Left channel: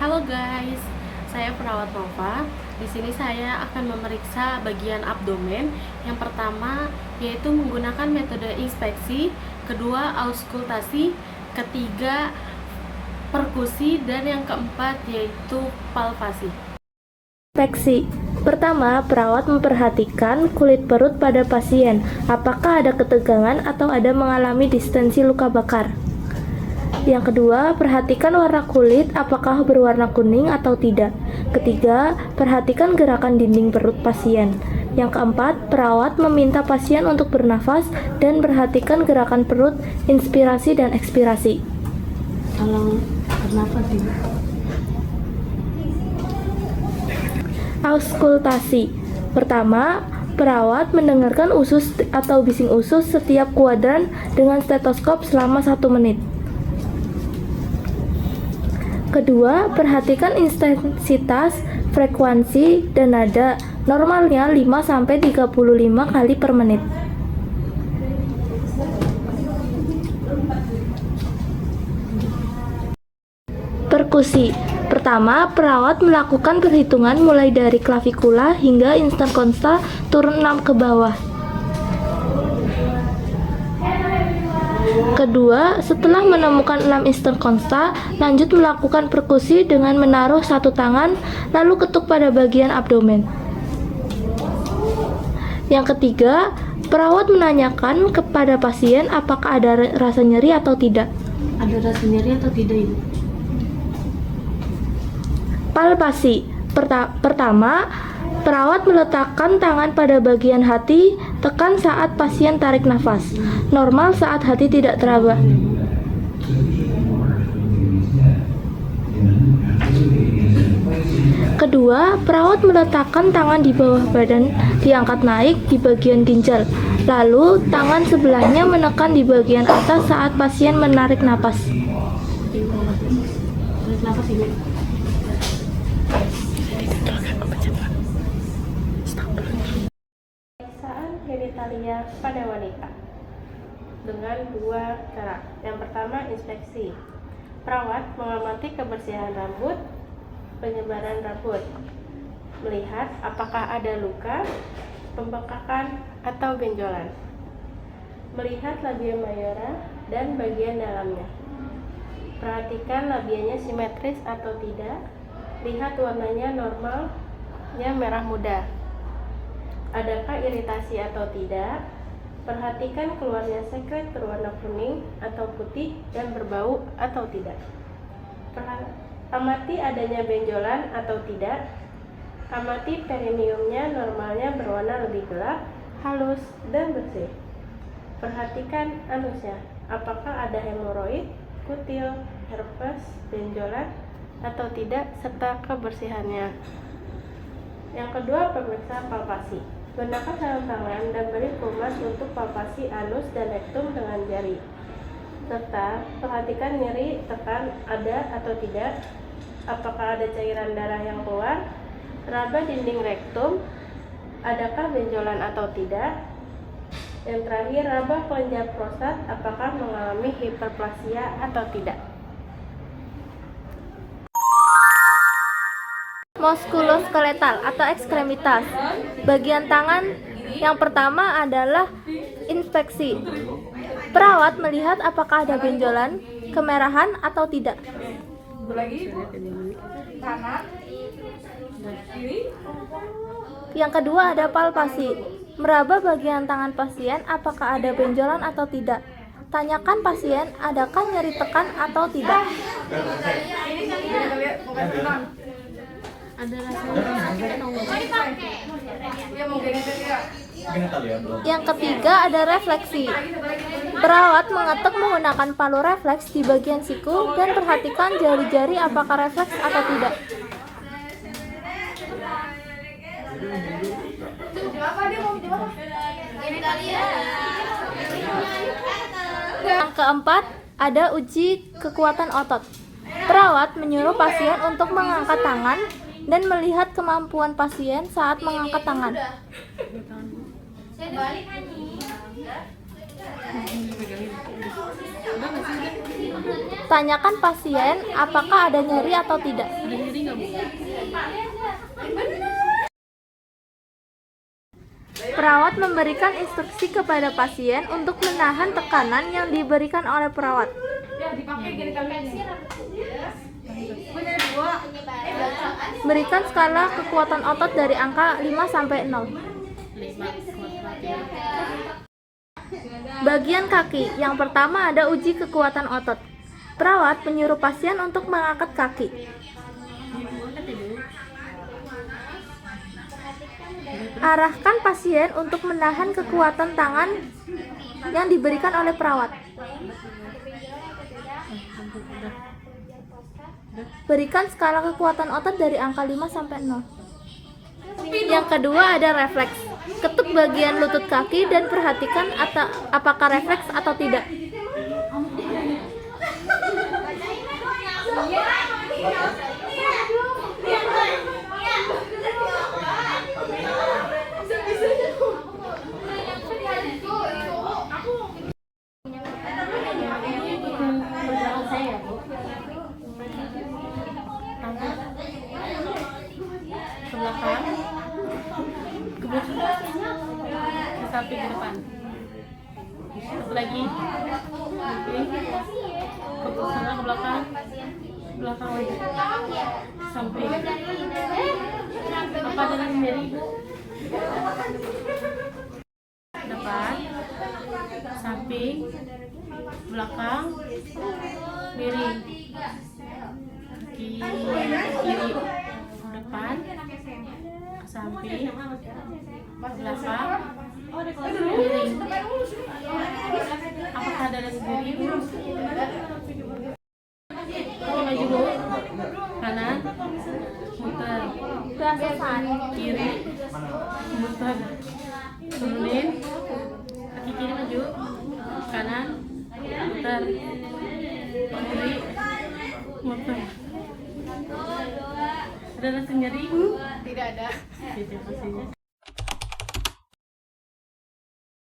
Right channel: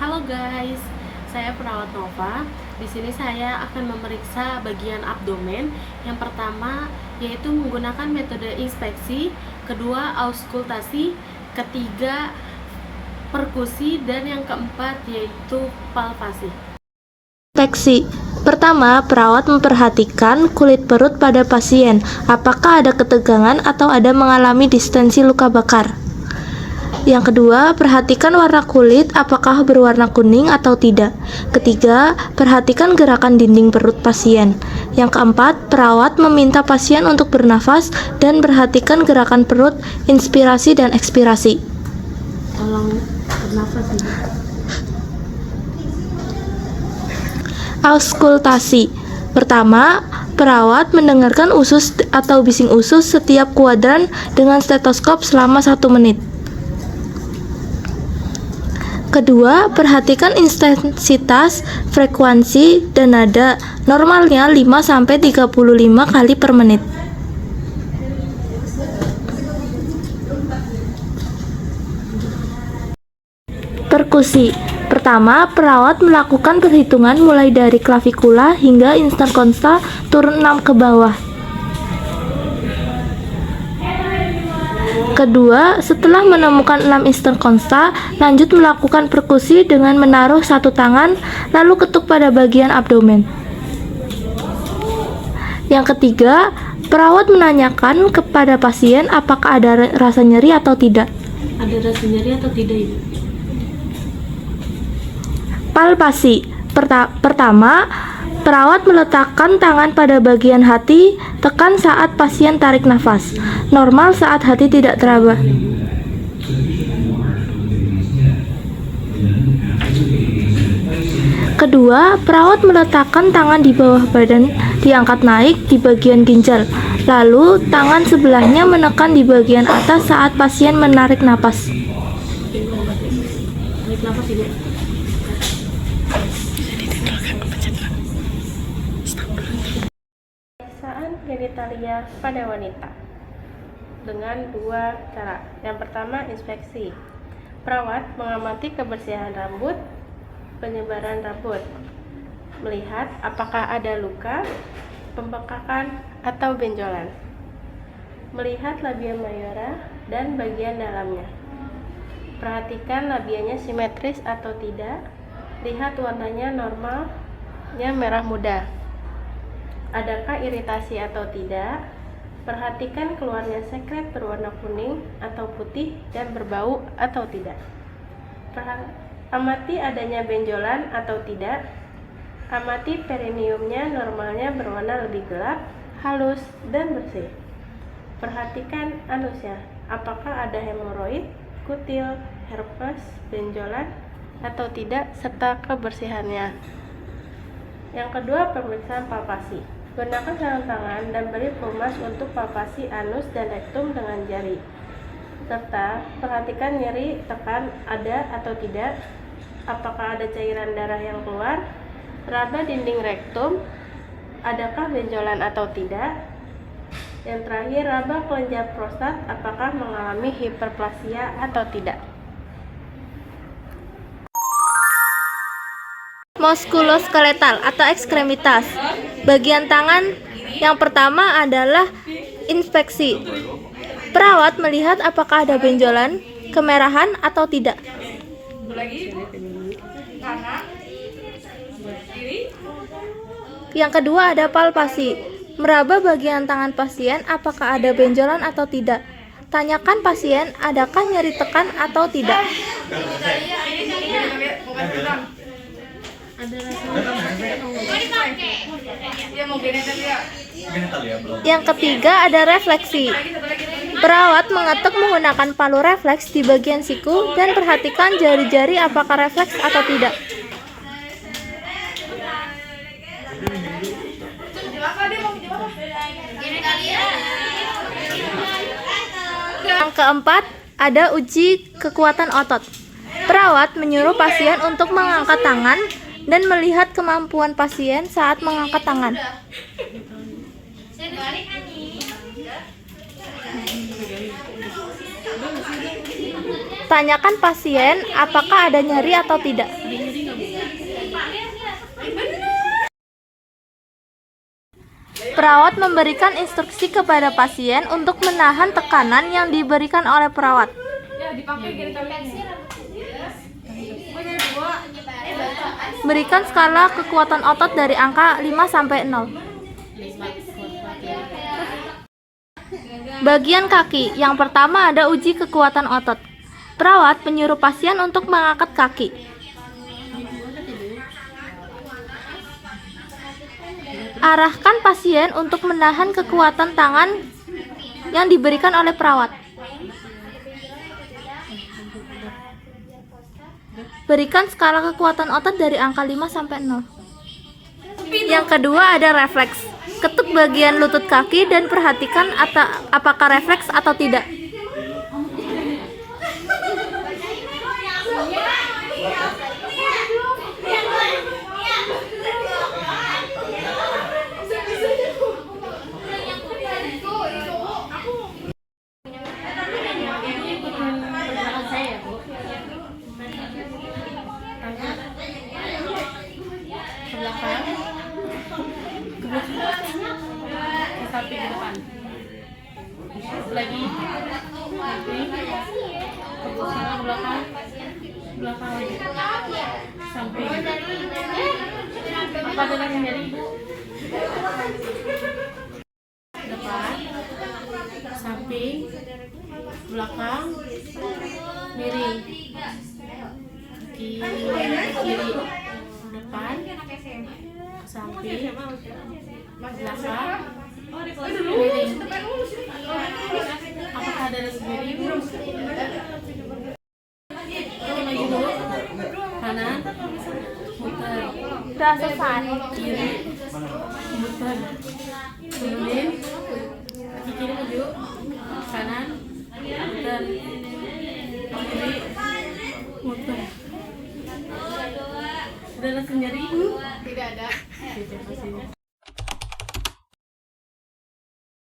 Halo guys, saya perawat Nova. Di sini saya akan memeriksa bagian abdomen. Yang pertama yaitu menggunakan metode inspeksi, kedua auskultasi, ketiga perkusi, dan yang keempat yaitu palpasi. Inspeksi. Pertama, perawat memperhatikan kulit perut pada pasien. Apakah ada ketegangan atau ada mengalami distensi luka bakar? Yang kedua, perhatikan warna kulit apakah berwarna kuning atau tidak. Ketiga, perhatikan gerakan dinding perut pasien. Yang keempat, perawat meminta pasien untuk bernafas dan perhatikan gerakan perut, inspirasi dan ekspirasi. Tolong bernafas ya. Auskultasi. Pertama, perawat mendengarkan usus atau bising usus setiap kuadran dengan stetoskop selama 1 menit. Kedua, perhatikan intensitas, frekuensi, dan nada. Normalnya 5-35 kali per menit. Perkusi. Pertama, perawat melakukan perhitungan mulai dari klavikula hingga interkonsta turun 6 ke bawah. Kedua, setelah menemukan 6 interkonsta, lanjut melakukan perkusi dengan menaruh satu tangan, lalu ketuk pada bagian abdomen. Yang ketiga, perawat menanyakan kepada pasien apakah ada rasa nyeri atau tidak. Ada rasa nyeri atau tidak ini? Palpasi. Pertama, perawat meletakkan tangan pada bagian hati, tekan saat pasien tarik nafas. Normal saat hati tidak teraba. Kedua, perawat meletakkan tangan di bawah badan, diangkat naik di bagian ginjal. Lalu, tangan sebelahnya menekan di bagian atas saat pasien menarik napas. Tarik nafas ini. Pemeriksaan genitalia pada wanita dengan 2 cara. Yang pertama, inspeksi. Perawat mengamati kebersihan rambut, penyebaran rambut, melihat apakah ada luka, pembengkakan, atau benjolan, melihat labia mayora dan bagian dalamnya. Perhatikan labianya simetris atau tidak, lihat warnanya normalnya merah muda. Adakah iritasi atau tidak? Perhatikan keluarnya sekret berwarna kuning atau putih dan berbau atau tidak. Amati adanya benjolan atau tidak. Amati perineumnya normalnya berwarna lebih gelap, halus, dan bersih. Perhatikan anusnya, apakah ada hemoroid, kutil, herpes, benjolan, atau tidak, serta kebersihannya. Yang kedua, pemeriksaan palpasi. Gunakan sarung tangan dan beri pelumas untuk palpasi anus dan rektum dengan jari. Serta perhatikan nyeri, tekan ada atau tidak, apakah ada cairan darah yang keluar, raba dinding rektum, adakah benjolan atau tidak. Yang terakhir, raba kelenjar prostat, apakah mengalami hiperplasia atau tidak. Muskuloskeletal atau ekstremitas. Bagian tangan yang pertama adalah inspeksi. Perawat melihat apakah ada benjolan, kemerahan atau tidak. Yang kedua ada palpasi. Meraba bagian tangan pasien apakah ada benjolan atau tidak. Tanyakan pasien adakah nyeri tekan atau tidak. Ada rasanya atau Yang ketiga ada refleksi. Perawat mengetuk menggunakan palu refleks di bagian siku dan perhatikan jari-jari apakah refleks atau tidak. Yang keempat ada uji kekuatan otot. Perawat menyuruh pasien untuk mengangkat tangan dan melihat kemampuan pasien saat mengangkat tangan. Tanyakan pasien apakah ada nyeri atau tidak. Ada nyeri nggak, Bu? Perawat memberikan instruksi kepada pasien untuk menahan tekanan yang diberikan oleh perawat. Berikan skala kekuatan otot dari angka 5 sampai 0. 5. Bagian kaki. Yang pertama ada uji kekuatan otot. Perawat menyuruh pasien untuk mengangkat kaki. Arahkan pasien untuk menahan kekuatan tangan yang diberikan oleh perawat. Berikan skala kekuatan otot dari angka 5 sampai 0. Yang kedua ada refleks. Ketuk bagian lutut kaki dan perhatikan apakah refleks atau tidak. Pergerakan saya ya, Bu. Tangan ke belakang, ke samping, ke depan. Lagi, ke belakang lagi, samping. Apa ada yang nyeri, Bu? Depan, samping, belakang, miring, kiri, depan, ke samping, ke belakang, miring. Apakah ada rasa nyeri, Bu? Ini lagi, Bu. Kanan, muter. Kiri, muter. Turunin. Kaki kiri maju. Kanan, muter. Kiri, muter. Ada rasa nyeri? Tidak ada. Tidak, pastinya.